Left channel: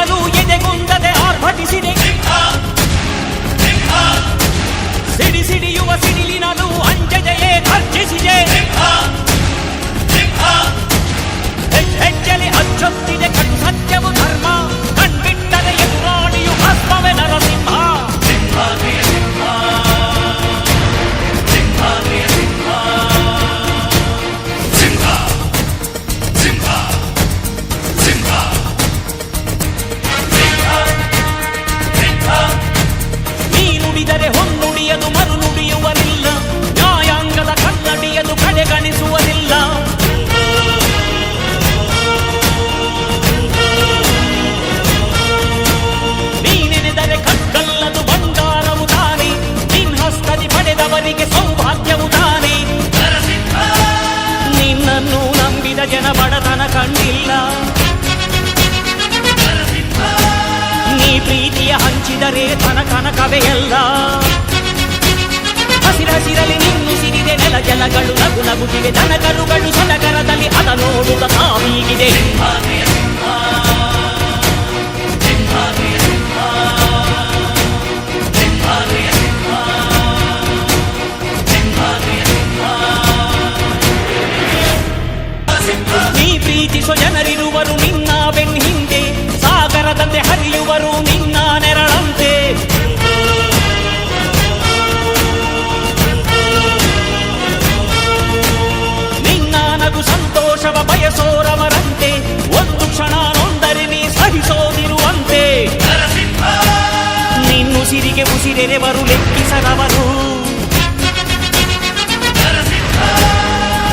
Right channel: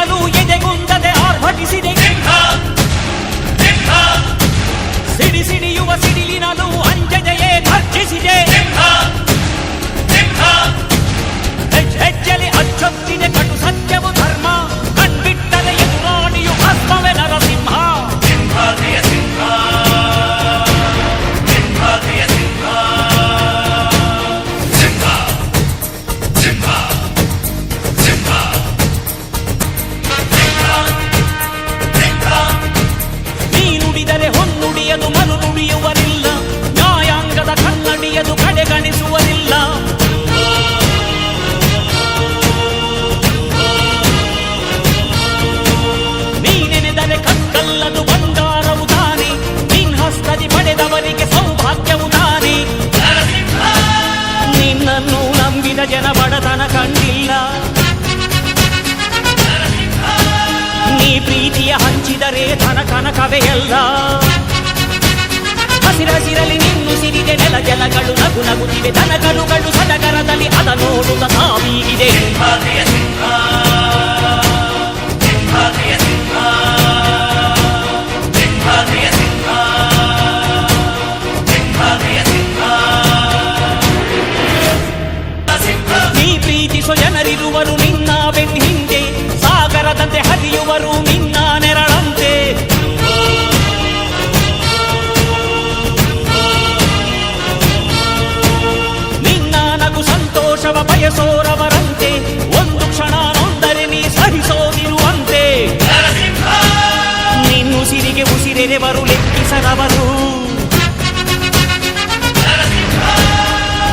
ದಿನವೂ ಎದೆಗುಂದದೆ ಆರ್ಭಟಿಸಿದೆ ಸಿಡಿ ಸಿಡಿಯುವ ಸಿಡಿಲಿನಲೂ ಮರು ನುಡಿಯುವರಿಲ್ಲ ನ್ಯಾಯಾಂಗದ ಕನ್ನಡಿಯದು ಕಡೆಗಣಿಸುವರಿಲ್ಲ. ನೀನೆನೆದರೆ ಕಕ್ಕಲ್ಲದು ಬಂಗಾರವು ತಾನೆ. ನಿನ್ ಹಸ್ತದಿ ಪಡೆದವರಿಗೆ ಸೌಭಾಗ್ಯವು ತಾನೆ. ನಿನ್ನನ್ನು ನಂಬಿದ ಜನ ಬಡತನ ಕಂಡಿಲ್ಲ. ನೀ ಪ್ರೀತಿಯ ಹಂಚಿದರೆ ಧನ ಕನಕವೆಯಲ್ಲ ಹಸಿರಸಿರಲಿ ನಿನ್ನು ಸಿರಿದೆ ನೆಲ ಜಲಗಳು ನಗು ನಗುತ್ತಿವೆ ದನಕರುಗಳು ಸಡಗರದಲ್ಲಿ ಅದ ನೋಡುತ್ತ ತಾವೀಗಿದೆ ನೀ ಜನರಿರುವರು ನಿನ್ನ ಬೆನ್ ಹಿಂದೆ ಸಾಗರದಂತೆ ಹರಿಯುವರು ನಿನ್ನ ನೆರಳಂತೆ. ಸಂತೋಷವ ಬಯಸೋರವರಂತೆ ಒಂದು ಕ್ಷಣ ನೊಂದರೆ ನೀ ಸಹಿಸೋದಿರುವಂತೆ ನಿನ್ನುಸಿರಿಗೆ ಉಸಿರೆರೆವರು ಲೆಕ್ಕಿಸದವರು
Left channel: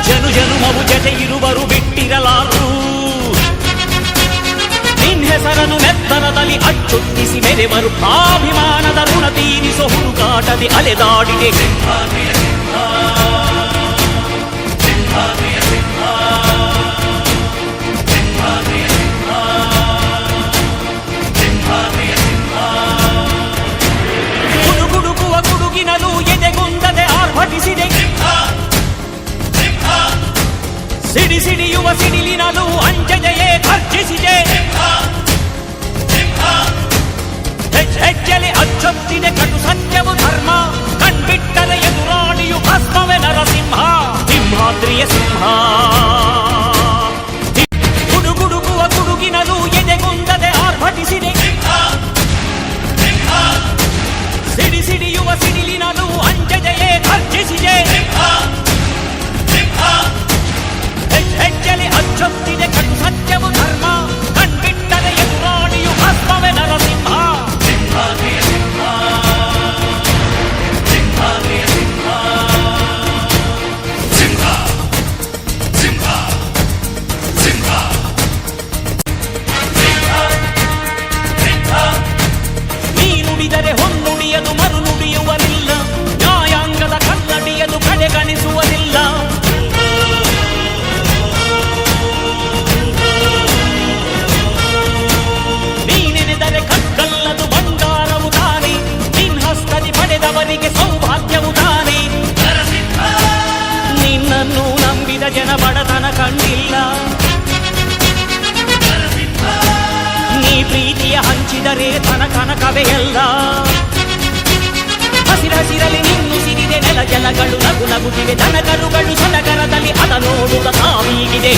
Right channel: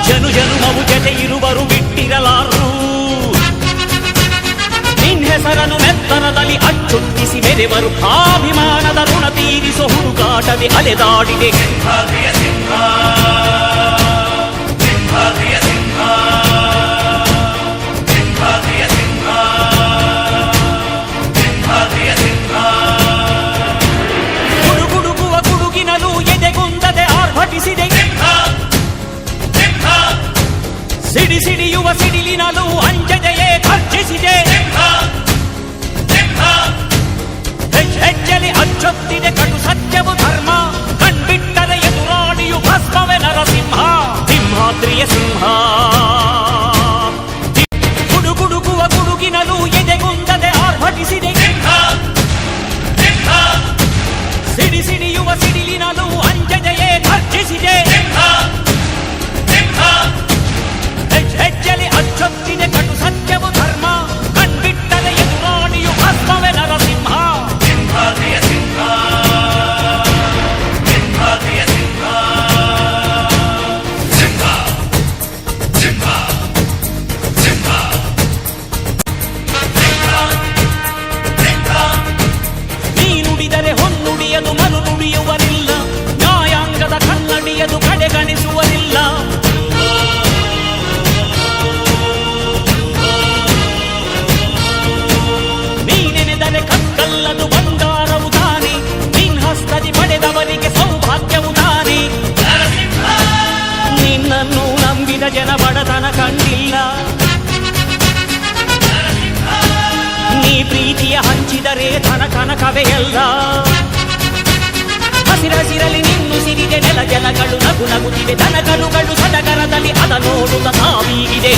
ಜನು ಜನುಮವು ಜತೆ ಇರುವರು ಬಿಟ್ಟಿರಲಾರು ನಿನ್ ಹೆಸರನ್ನು ನೆತ್ತರದಲ್ಲಿ ಅಚ್ಚೊತ್ತಿಸಿ ಮೆರೆವರು ಆಭಿಮಾನದ ಋಣ ತೀರಿಸೋ ಹುಡುಕಾಟದೆ ಅಲೆದಾಡಿದೆ ಎದೆಗುಂದದೆ ಆರ್ಭಟಿಸಿದೆ ಸಿಡಿ ಸಿಡಿಯುವ ಸಿಡಿಲಿನಲು ಅಂಜದೆಯೇ ಖರ್ಜಿಸಿದೆ ಹೆಜ್ ಹೆಜ್ಜೆಲಿ ಅಚ್ಚೊತ್ತಿದೆ ಕಟು ಸತ್ಯವು ಧರ್ಮ ಕಣ್ಬಿಟ್ಟರೆ ಎದುರಾಳಿಯು ಭಸ್ಮವೇ ನರಸಿಂಹ ಸಿಂಹಾದ್ರಿಯ ಸಿಂಹ ಹೊನ್ನುಡಿಯದು ಮರು ನುಡಿಯುವರಿಲ್ಲ ನ್ಯಾಯಾಂಗದ ಕನ್ನಡಿಯದು ಕಡೆಗಣಿಸುವರಿಲ್ಲ ನೀನೆನೆದರೆ ಕಕ್ಕಲ್ಲದು ಬಂಗಾರವು ತಾನೆ. ನಿನ್ ಹಸ್ತದಿ ಪಡೆದವರಿಗೆ ಸೌಭಾಗ್ಯವು ತಾನೆ. ನಿನ್ನನ್ನು ನಂಬಿದ ಜನ ಬಡತನ ಕಂಡಿಲ್ಲ. ನೀ ಪ್ರೀತಿಯ ಹಂಚಿದರೆ ಧನ ಕನಕವೇ ಎಲ್ಲ ಹಸಿರಸಿರಲಿ ನಿನ್ನು ಸಿರಿದೆ ನೆಲ ಜಲಗಳು ನಗು ನಗುತ್ತಿವೆ ದನಕರುಗಳು ಸಡಗರದಲ್ಲಿ ಅದ ನೋಡುತ್ತ ಸಾವೀಗಿದೆ